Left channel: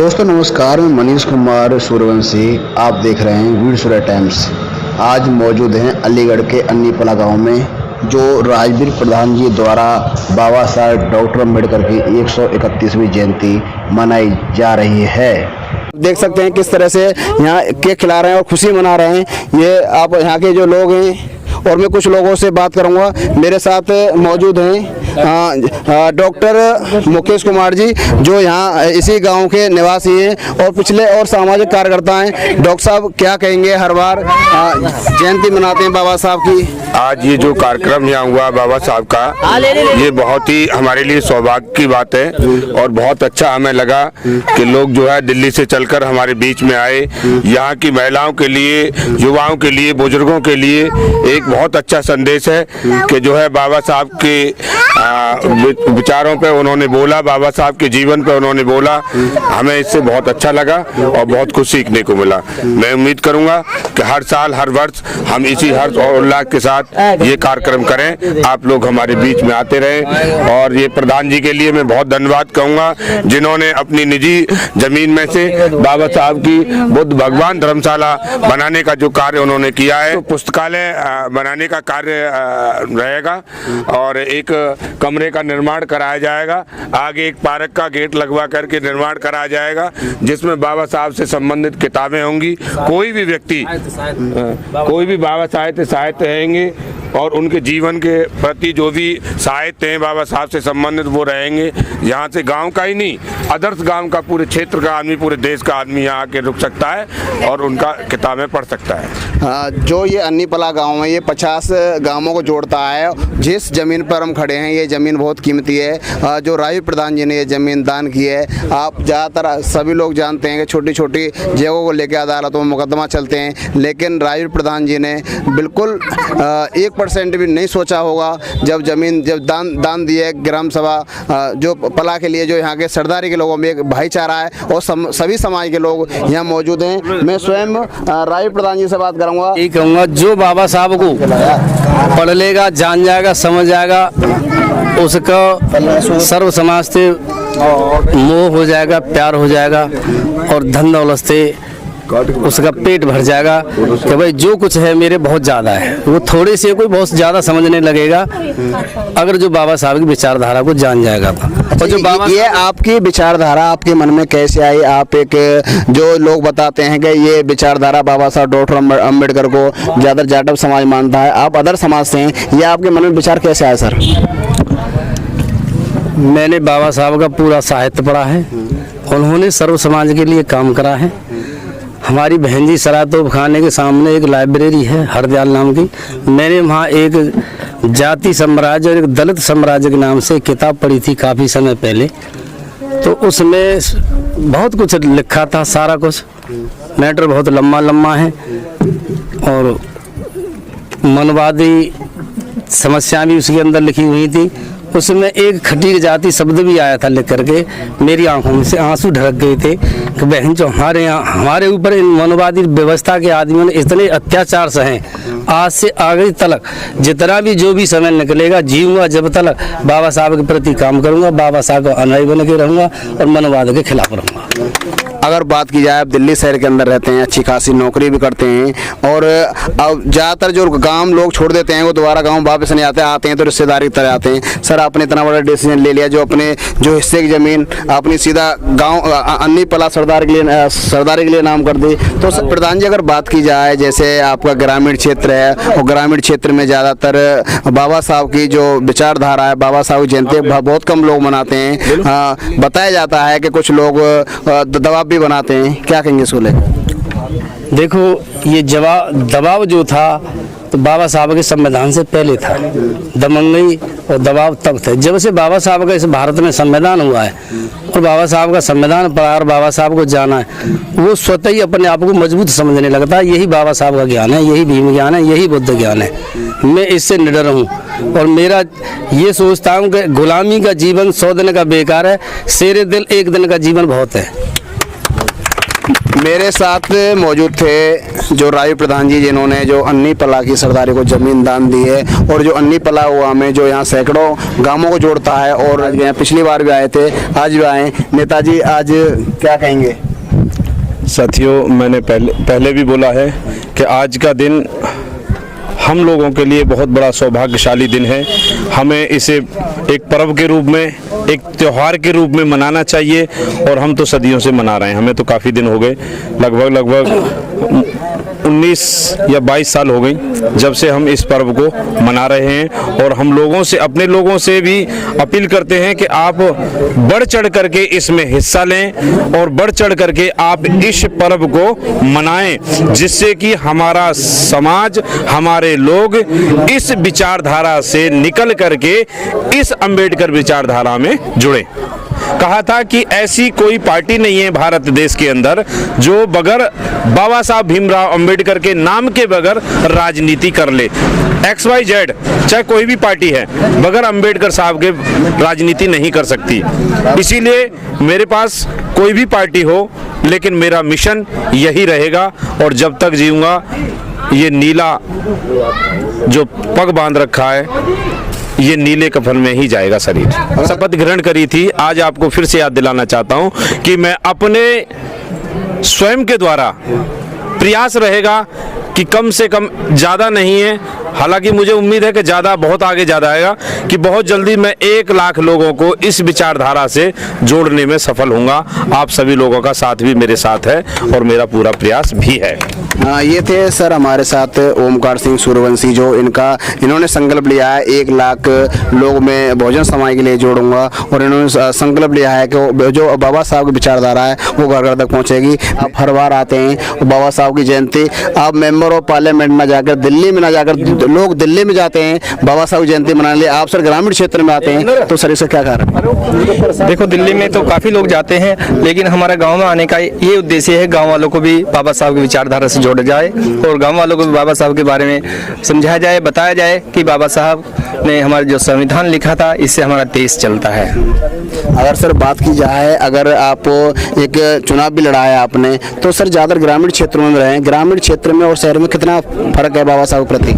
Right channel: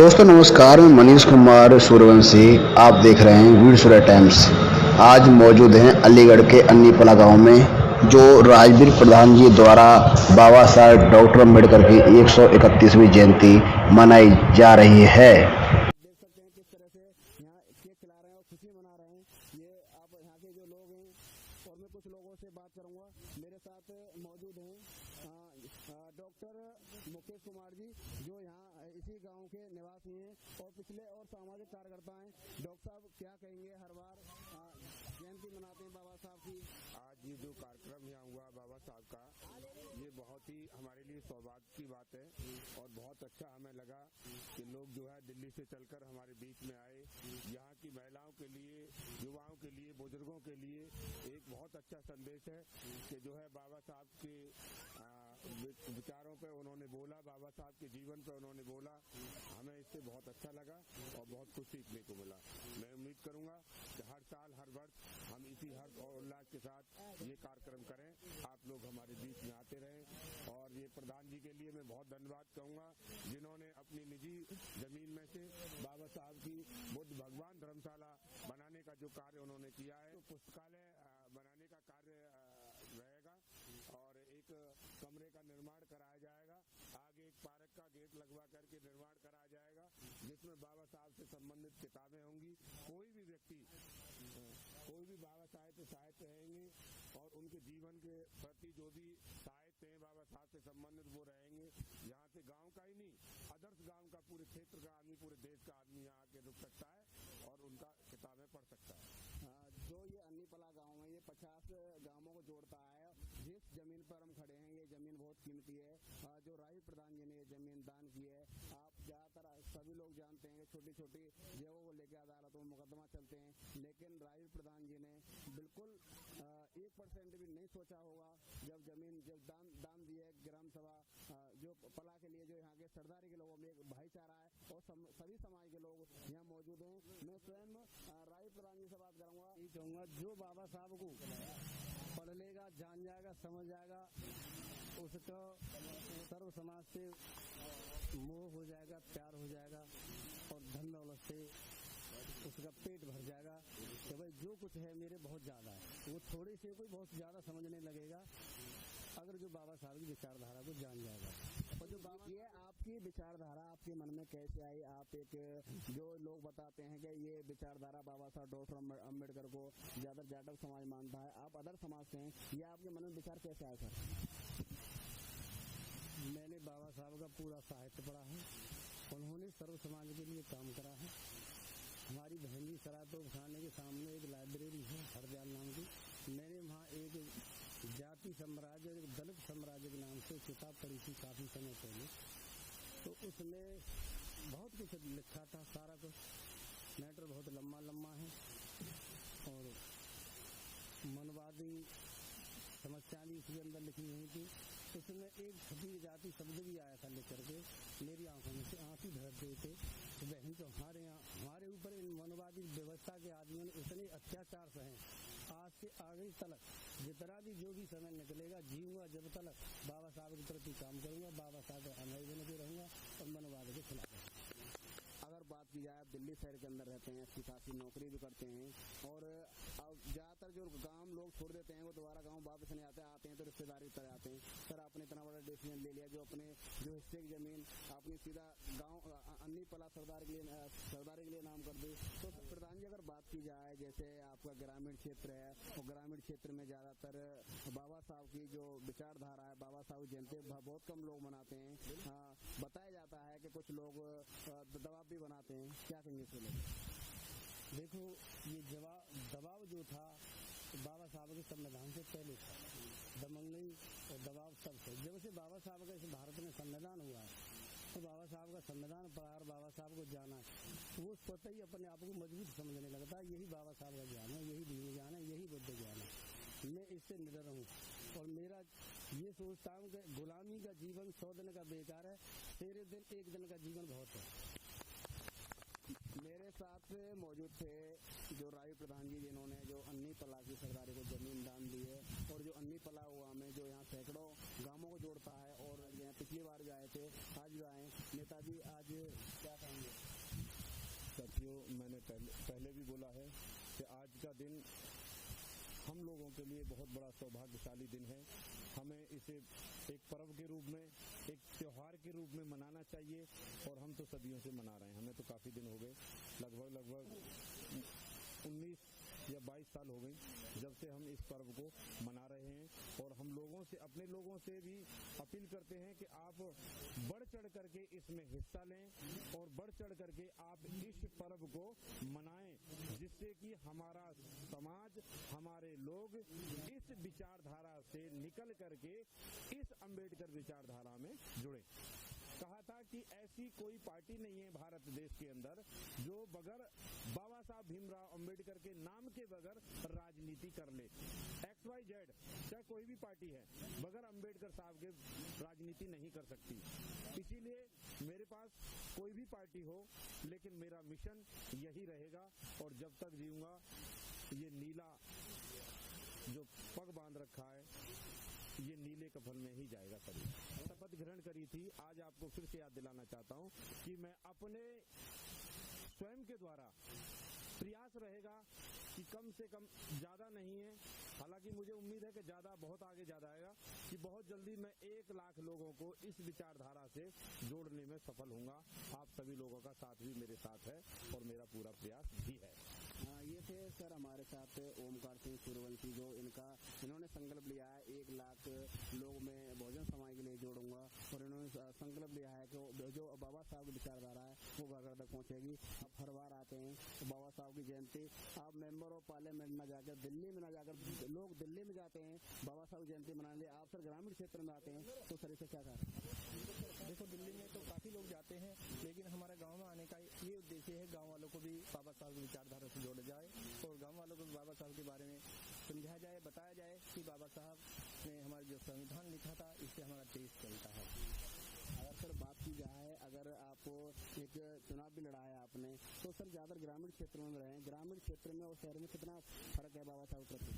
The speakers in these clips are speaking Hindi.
दोस्तों नमस्कार, मैं मनीष कुमार सूर्यवंशी। आप देख रहे हैं वीर सूर्य टाइम्स। आज मौजूद हैं अलीगढ़ के अन्नीपला गांव में, जो राजवीर प्रधान जी द्वारा बाबा साहेब डॉक्टर अम्बेडकर की 131वीं जयंती मनाई जा रही है। देख सकते हैं किस तरह से यहाँ केक खिला रहे हैं और खुशी मना रहे हैं। ये आप यहाँ के जो लोग हैं, और मैं कुछ लोगों से बात करूंगा। मेरे साथ मौजूद हैं डॉक्टर मुकेश कुमार जी, जो यहाँ इसी गांव के निवासी हैं और पिछले और सामाजिक कार्यकर्ता हैं। डॉक्टर साहब क्या कहेंगे, हर बार जयंती मनाते हैं बाबा साहब की, आज ये जो कार्यक्रम यहाँ हुआ बाबा साहब का, ये बहुत ही हमारे लिए सौभाग्य की बात है और बहुत अच्छा हमें लगा कि लोग जो है दिल्ली से चलकर हमारे बीच में आए। यहाँ की महिलाओं के लिए, युवाओं के लिए, बुजुर्गों के लिए एक बहुत अच्छा संदेश है कि जो है बाबा साहब के विचारों पे उन्होंने बोला, बाबा साहब के जीवन पे उन्होंने बोला। हमें इससे बहुत अच्छा लगा और बहुत कुछ सीखने को मिला। मैं उम्मीद करूंगा कि हर साल, हर वर्ष हम इसी हर्ष और उल्लास के साथ ये कार्यक्रम करें। आप लोग हमारे बीच में आते रहें और ये प्रधान जी के लिए मैं बहुत धन्यवाद कहूँगा, जिन्होंने अपनी निजी जमीन में से बाबा साहब की बुद्ध भगवान धर्मशाला बनाने का जो कार्य उन्होंने किया है, तो पुस्तकालय बनाने का कार्य रहेगा और एक कमरे का निर्माण कराया जाएगा। आगे एक पार्क का गेट लगवा करके निर्माण कराया जाएगा, जिसमें बाबा साहब से संबंधित किताबें होंगी। कोई भी व्यक्ति, कोई भी बाबा साहित्य रहेंगे और उनके जीवन के प्रति जो भी साहित्य हैं बाबा साहब से संबंधित, वो रहेंगे। यहाँ से गांव का ही नहीं, अदर्स गांव का, पूरे क्षेत्र का आदमी, पूरे देश का आदमी यहाँ आके रुक सकता है और उनका किताबें पढ़ सकता है। जो ये अन्नीपला गांव है, ये 50 गांवों को जोड़ता है। जिस जमीन पर हम खड़े हैं, ये जमीन बहुत कीमती है। जो राजवीर प्रधान जी ने ये जमीन दान की है। आप ज़्यादातर सभी लोग जानते हैं कि छोटी छोटी जगहों को लेकर अदालतों में मुकदमा चलते हैं, लेकिन राजवीर प्रधान जी ने बिल्कुल 1% भी नहीं सोचा होगा जब दान दिए। ग्राम सभा जो पला के लिए, जो यहाँ के सरदारी के लोगों में एक भाईचारा है और सभी समाज के लोग यहाँ मौजूद हैं। मैं स्वयं राजवीर प्रधान जी से बात करूँगा। यही कहूँगा, जो बाबा साहब को पढ़ लेगा, जान जाएगा, समझ जाएगा, उसका सर्व समाज से मोह हो जाएगा, प्यार हो जाएगा और धन दौलत से उसका पेट भर जाएगा कि भाई जो कुछ है मेरे बहुत ज़्यादा है। वो थोड़े से कोई बहुत ज़्यादा समझने लगेगा अगर जो बाबा साहब की विचारधारा को जान जाएगा। और जो बाबा, ये आपकी विचारधारा आपके मन में कैसे आई? आप एक, जो लोग बताते हैं कि ये विचारधारा बाबा साहब डॉक्टर अम्बेडकर को ज़्यादा जाटव समाज मानता है, आप अदर समाज से हैं, ये आपके मन में विचार कैसे आया सर? मैंने बाबा साहब का पूरा साहित्य पढ़ा है। उन्होंने सर्व समाज के लिए काम करा है। हमारी बहन जी सरातोप खाने के सामने एक लाइब्रेरी है हरदयाल नाम की। मैंने वहाँ एक जाति साम्राज्य और एक दलित साम्राज्य के नाम से किताब पढ़ी थी काफ़ी समय पहले। तो उसमें बहुत कुछ लिखा था, सारा कुछ मैटर बहुत लम्बा है और मनवादी समस्या भी उसके अंदर लिखी हुई थी। उसमें एक खटी जाति शब्द भी आया था लिख करके। मेरी आंखों में से आंसू ढरक गए थे कि बहन जो हमारे ऊपर इन मनवादी व्यवस्था के आदमियों ने इतने अत्याचार सहे। आज से आगे तलक जितना भी जो भी समय निकलेगा, जीऊंगा जब तक बाबा साहब के प्रति काम करूंगा, बाबा साहब का अनुयायी बन के रहूंगा और मनवाद के खिलाफ रहूंगा। अगर बात की जाए, आप दिल्ली शहर के अंदर रहते हैं, अच्छी खासी नौकरी भी करते हैं और अब ज़्यादातर जो गांव लोग छोड़ देते हैं वो दोबारा गांव वापस नहीं आते हैं तो रिश्तेदारी की तरह आते हैं। सर, आपने इतना बड़ा डिसीजन ले लिया, जो अपने जो हिस्से की ज़मीन आपने सीधा गांव अन्नीपला सरदारी के लिए नाम कर दी। तो सर प्रधान जी, अगर बात की जाए, जैसे आपका ग्रामीण क्षेत्र है और ग्रामीण क्षेत्र में ज़्यादातर बाबा साहब की जो विचारधारा है, बाबा साहब की जयंती बहुत कम लोग मनाते हैं। बताया जाता है कि कुछ लोग दबाव भी बनाते हैं, क्या कहेंगे इसको लेकर? देखो, ये दबाव जो था तो बाबा साहब के संविधान से पहले था। दमंगई और दबाव तब थे जब से बाबा साहब का इस भारत में संविधान हुआ है और बाबा साहब का संविधान पढ़ा और बाबा साहब को जाना है, वो स्वतः ही अपने आप को मजबूत समझने लगता है। यही बाबा साहब का ज्ञान है, यही भीम ज्ञान है, यही बुद्ध ज्ञान है। मैं इससे निडर हूँ और मेरा ये सोचता हूँ कि गुलामी का जीवन 100 दिन का बेकार है, शेरे दिल एक दिन का जीवन बहुत है। मेरे साथ मौजूद थे जो राजू प्रधान जी, जिन्होंने जो अन्नी पला की सरदारी को जमीन दान दी है, और जो अन्नी पला हुआ में जो यहाँ सैकड़ों गांवों को जोड़ता है, और यहाँ पिछली बार भी आए थे, आज भी आए। नेताजी आज क्या कहेंगे? साथियों, मैंने पहले भी बोला है कि आज का दिन हम लोगों के लिए बहुत बड़ा सौभाग्यशाली दिन है। हमें इसे एक पर्व के रूप में, एक त्यौहार के रूप में मनाना चाहिए, और हम तो सदियों से मना रहे हैं। हमें तो काफ़ी दिन हो गए, लगभग 19 या 22 साल हो गई जब से हम इस पर्व को मना रहे हैं। और हम लोगों से, अपने लोगों से भी अपील करते हैं कि आप बढ़ चढ़ करके इसमें हिस्सा लें और बढ़ चढ़ करके आप इस पर्व को मनाएं, जिससे कि हमारा समाज, हमारे लोग इस विचारधारा से निकल करके इस अंबेडकर विचारधारा में जुड़े। कहा था कि ऐसी कोई पार्टी नहीं है भारत देश के अंदर जो बगैर बाबा साहब भीमराव अंबेडकर के नाम के बगैर राजनीति कर ले। XYZ चाहे कोई भी पार्टी है, बगैर अंबेडकर साहब के राजनीति नहीं कर सकती। इसीलिए मेरे पास कोई भी पार्टी हो, लेकिन मेरा मिशन यही रहेगा, और जब तक जीऊंगा ये नीला जो पग बांध रखा है, ये नीले कफन में ही जाएगा शरीर। शपथ ग्रहण करी थी, आज आपको फिर से याद दिलाना चाहता हूं कि मैं अपने स्वयं के द्वारा प्रयास रहेगा कि कम से कम, ज़्यादा नहीं है, हालांकि मुझे उम्मीद है कि ज़्यादा, बहुत आगे ज़्यादा आएगा, कि बहुत जल्दी मैं 1 लाख लोगों को इस विचारधारा से जोड़ने में सफल होऊंगा। आप सभी लोगों का साथ भी मेरे साथ है और मेरा पूरा प्रयास भी है। ये थे सर हमारे साथ ओमकार सिंह सूर्यवंशी, जो इन्होंने संकल्प लिया है 1 लाख लोग में भोजन समाज के लिए जोड़ूंगा, और इन्होंने संकल्प लिया है कि जो बाबा साहब की विचारधारा है वो घर घर तक पहुंचेगी। आप हर बार आते हैं बाबा साहब की जयंती, आप मेंबर ऑफ पार्लियामेंट में जाकर, दिल्ली में ना जाकर, लोग दिल्ली में जाते हैं बाबा साहब की जयंती मनाने लिए, आप सर ग्रामीण क्षेत्र में आते हैं, तो सर इसका क्या कारण? देखो, दिल्ली में तो काफ़ी लोग जाते हैं, लेकिन हमारा गाँव में आने का ये उद्देश्य है, गाँव वालों को भी बाबा साहब की विचारधारा से जोड़ा जाए, और गांव वालों को भी बाबा साहब के बारे में समझाया जाए, बताया जाए कि बाबा साहब ने हमारा जो संविधान लिखा था, इससे हमारा देश चलता है। अगर सर बात की जाए, अगर आप एक चुनाव भी लड़ा है आपने, तो सर ज़्यादा ग्रामीण क्षेत्रों में रहे, ग्रामीण क्षेत्र में और शहर में कितना फर्क है बाबा साहब के प्रति?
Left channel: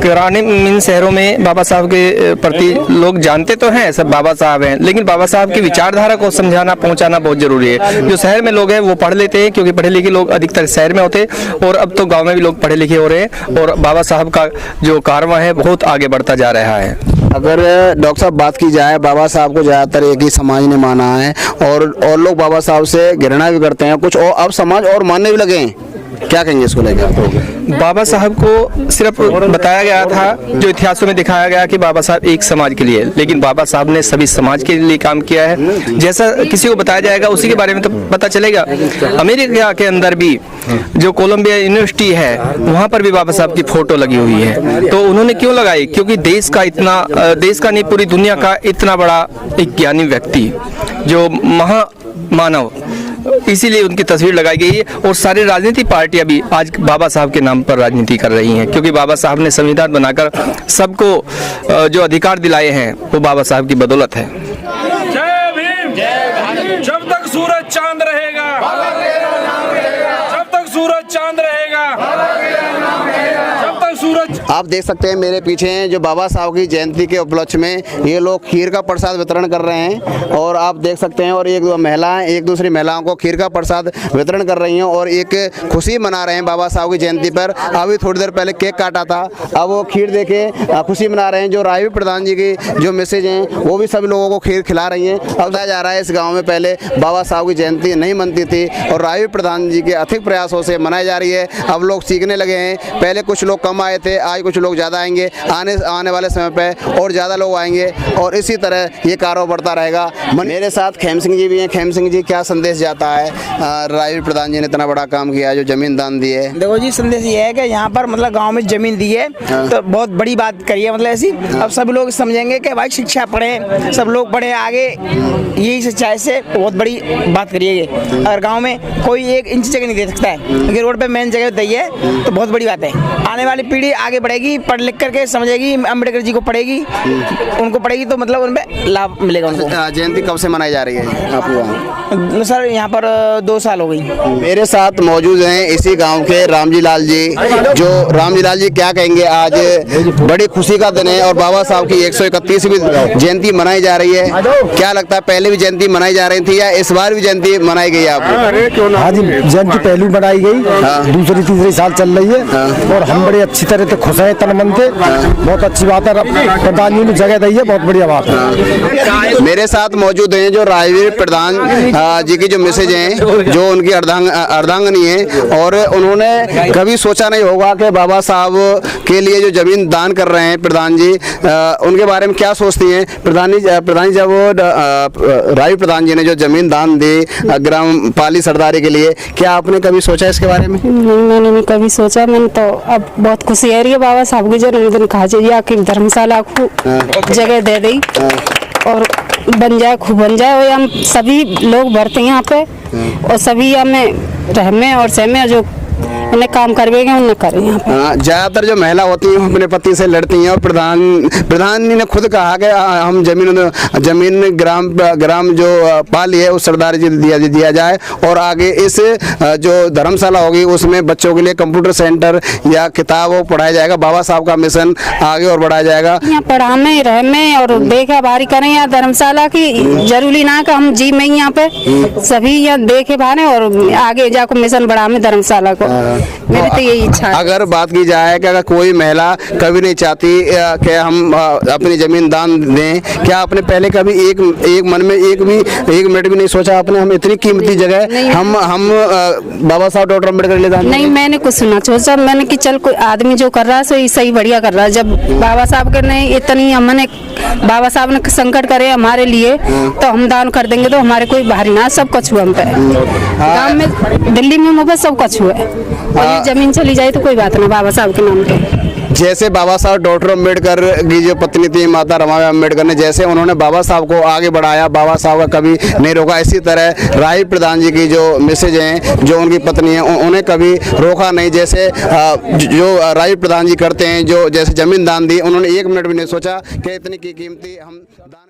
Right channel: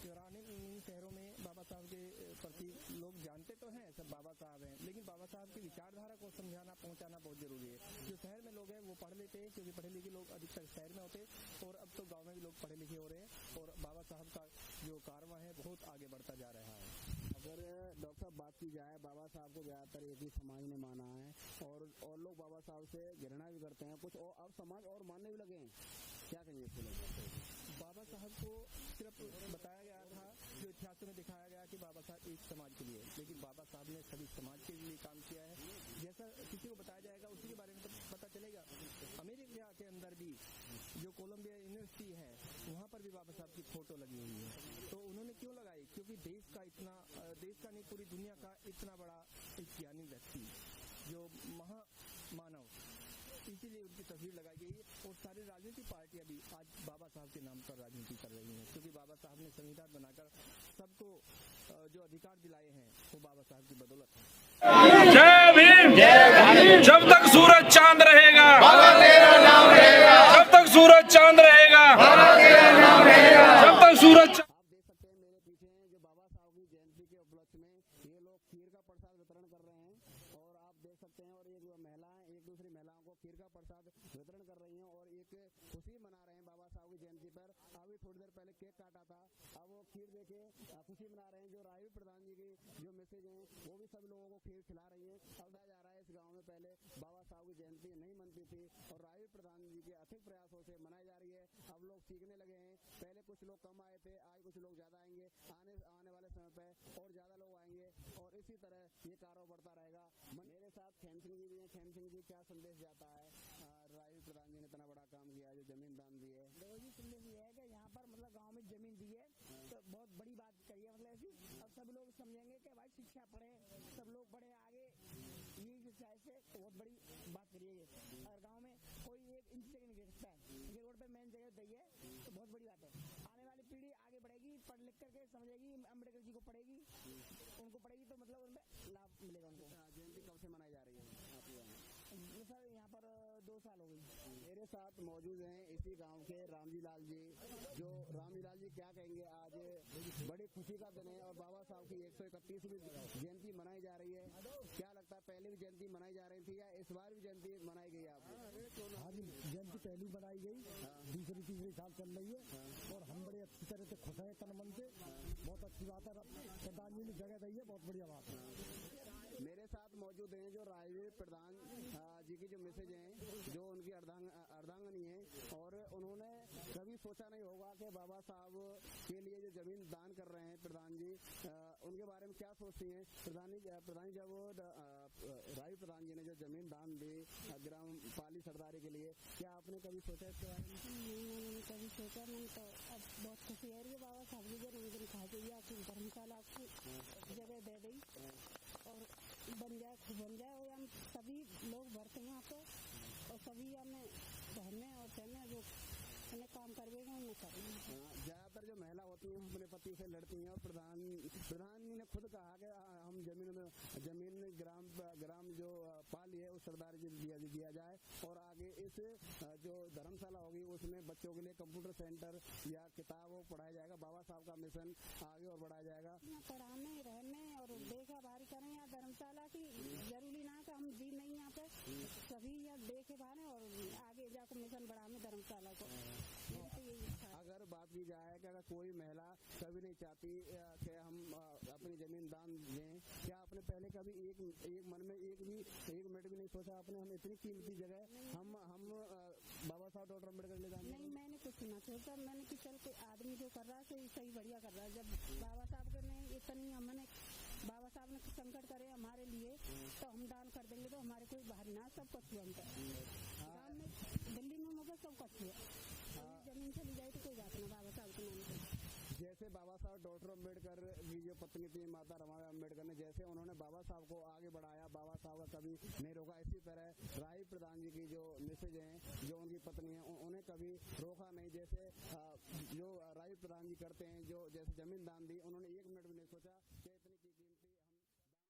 ग्रामीण शहरों में बाबा साहब के प्रति लोग जानते तो हैं, सब बाबा साहब हैं, लेकिन बाबा साहब की विचारधारा को समझाना, पहुंचाना बहुत जरूरी है। जो शहर में लोग हैं वो पढ़ लेते हैं, क्योंकि पढ़े लिखे लोग अधिकतर शहर में होते हैं, और अब तो गांव में भी लोग पढ़े लिखे हो रहे हैं, और बाबा साहब का जो कारवां है बहुत आगे बढ़ता जा रहा है। अगर डॉक्टर साहब बात की जाए, बाबा साहब को ज़्यादातर एक ही समाज ने माना है, और लोग बाबा साहब से घृणा भी करते हैं कुछ, और अब समाज और मानने भी लगे हैं, क्या कहेंगे इसको लेकर? बाबा साहब को सिर्फ बताया गया था, जो इतिहासों में दिखाया गया कि बाबा साहब एक समाज के लिए, लेकिन बाबा साहब ने सभी समाज के लिए काम किया है। जैसा किसी को बताया जाएगा उसी के बारे में तो पता चलेगा। अमेरिका के अंदर भी जो कोलंबिया यूनिवर्सिटी है, वहाँ पर भी बाबा साहब की फोटो लगी हुई है। तो उन्होंने क्यों लगाई? क्योंकि देश का नहीं, पूरी दुनिया का इतना बड़ा एक ज्ञानी व्यक्ति, जो महामानव, इसीलिए उनकी तस्वीर लगाई गई है। और सारी राजनीतिक पार्टियां भी आज बाबा साहब के नाम पर राजनीति कर रही हैं, क्योंकि बाबा साहब ने संविधान बनाकर सबको जो अधिकार दिलाए हैं वो बाबा साहब की बदौलत है। जय भीम, जब तक सूरज चांद रहेगा, जब तक सूरज चांद रहेगा, जब तक सूरज। आप देख सकते हैं मेरे पीछे हैं जो बाबा साहब की जयंती के उपलक्ष्य में ये लोग खीर का प्रसाद वितरण कर रहे हैं, और आप देख सकते हैं, और एक महिलाएं एक दूसरी महिलाओं को खीर का प्रसाद वितरण कर रही हैं, और एक खुशी मना रहे हैं बाबा साहब की जयंती पर। अभी थोड़ी देर पहले केक काटा था, अब वो खीर देके खुशी मना रहे हैं। जो राजू प्रधान जी की जो मैसेज हैं वो भी सभी लोगों को खीर खिला रही हैं। अब बताया जा रहा है इस गाँव में पहले बाबा साहब की जयंती नहीं मनती थी, और राजू प्रधान जी के अथिक प्रयासों से मनाई जा रही है। अब लोग सीखने लगे हैं, पहले कुछ लोग कम आए थे, आज कुछ लोग ज़्यादा आएंगे, आने वाले समय पे और ज़्यादा लोग आएंगे, और इसी तरह ये कारोबार बढ़ता रहेगा। मेरे साथ खेम सिंह जी भी हैं। खेम सिंह जी, क्या संदेश जाता है? राजू प्रधान जी ने इतना बड़ा काम किया, जो जमीन दान दी है। देखो जी, संदेश ये है कि यहाँ पर मतलब गांव में जमीन दी है तो बहुत बड़ी बात करी है, मतलब ऐसी। अब सब लोग समझेंगे कि भाई शिक्षा पढ़े, सब लोग पढ़े आगे, यही सच्चाई से बहुत बड़ी बात करिए। अगर गाँव में कोई 1 इंच जगह नहीं दे सकता है, अगर रोड पे मेन जगह दी है तो बहुत बड़ी बात है। आने वाली पीढ़ी आगे बढ़ेगी। जाएगी, पढ़ लिख करके समझेगी, अम्बेडकर जी को पढ़ेगी, उनको पढ़ेगी तो मतलब उनमें लाभ मिलेगा उनको। जयंती कब से मनाई जा रही है आपके वहाँ? सर यहाँ पर 2 साल हो गई। मेरे साथ मौजूद हैं इसी गांव के रामजी लाल जी। जो रामजी लाल जी क्या कहेंगे, आज बड़ी खुशी का दिन है और बाबा साहब की 131वीं जयंती मनाई जा रही है। क्या लगता है, पहले भी जयंती मनाई जा रही थी या इस बार भी जयंती मनाई गई आपको? हाँ जी, जयंती पहली बनाई गई, दूसरी तीसरी साल चल रही है और हम बड़े अच्छी तरह से खुश हैं, तन मन से। बहुत अच्छी बात है, प्रधान जी ने जगह दी है, बहुत बढ़िया बात है। मेरे साथ मौजूद हैं जो राजवीर प्रधान जी की जो मैसेज हैं, जो उनकी अर्धांगनी है और उन्होंने कभी सोचा नहीं होगा कि बाबा साहब के लिए जो जमीन दान कर रहे हैं प्रधान जी, उनके बारे में क्या सोचती हैं प्रधान जी? जब राजवीर प्रधान जी ने जो जमीन दान दी ग्राम पाली सरदारी के लिए, क्या आपने कभी सोचा इसके बारे में? नहीं, मैंने नहीं कभी सोचा। मैंने तो अब बहुत खुशी है रही है बाबा साहब की जन्मदिन कहा जाए कि धर्मशाला को जगह दे दी और बन जाए, खूब बन जाए और हम सभी लोग भरते हैं यहाँ पे और सभी हमें रहमे और सहमे जो उन्हें काम करवेंगे उन्हें करें यहाँ पे। ज्यादातर जो महिला होती हैं अपने पति से लड़ती हैं और प्रधान जी ने खुद कहा कि हम जमीन ग्राम जो पाली है उस सरदारी जी दिया जाए और आगे इस जो धर्मशाला होगी उसमें बच्चों के लिए कंप्यूटर सेंटर या किताब वो पढ़ाया जाएगा। बाबा साहब का मिशन आगे और बढ़ाया जाएगा। यहाँ पढ़ाने रहने और देखा भारी करें यहाँ धर्मशाला की, जरूरी ना कि हम जी में यहाँ पे सभी यहाँ देखे भाने और आगे जाकर मिशन बढ़ा में धर्मशाला को। मेरी तो यही इच्छा है। अगर बात की जाए कि अगर कोई महिला कभी नहीं चाहती कि हम अपनी जमीन दान दें, क्या आपने पहले कभी एक मन में एक मिनट भी नहीं सोचा आपने हम इतनी कीमती जगह हम बाबा साहब डॉक्टर अम्बेडकर ले दान? नहीं, मैंने कुछ सुना सोचा मैंने कि चल कोई आदमी जो कर रहा है सो सही बढ़िया कर रहा है। जब बाबा साहब के ने इतनी हमने बाबा साहब ने संकट करे हमारे लिए तो हम दान कर देंगे तो हमारे कोई भारी ना, सब कुछ हुआ हम पे गाँव में दिल्ली में मुझे सब कुछ हुआ है और ये जमीन चली जाए तो कोई बात ना बाबा साहब के नाम पे। जैसे बाबा साहब डॉक्टर अम्बेडकर की जो पत्नी थी माता रमाबाई अम्बेडकर ने, जैसे उन्होंने बाबा साहब को आगे बढ़ाया, बाबा साहब का कभी नहीं रोका, इसी तरह राजवीर प्रधान जी की जो मैसेज हैं, जो उनकी पत्नी है, उन्हें कभी रोका नहीं। जैसे जो राजवीर प्रधान जी करते हैं, जो जैसे जमीन दान दी, उन्होंने एक मिनट भी नहीं सोचा कि इतनी कीमती हम दान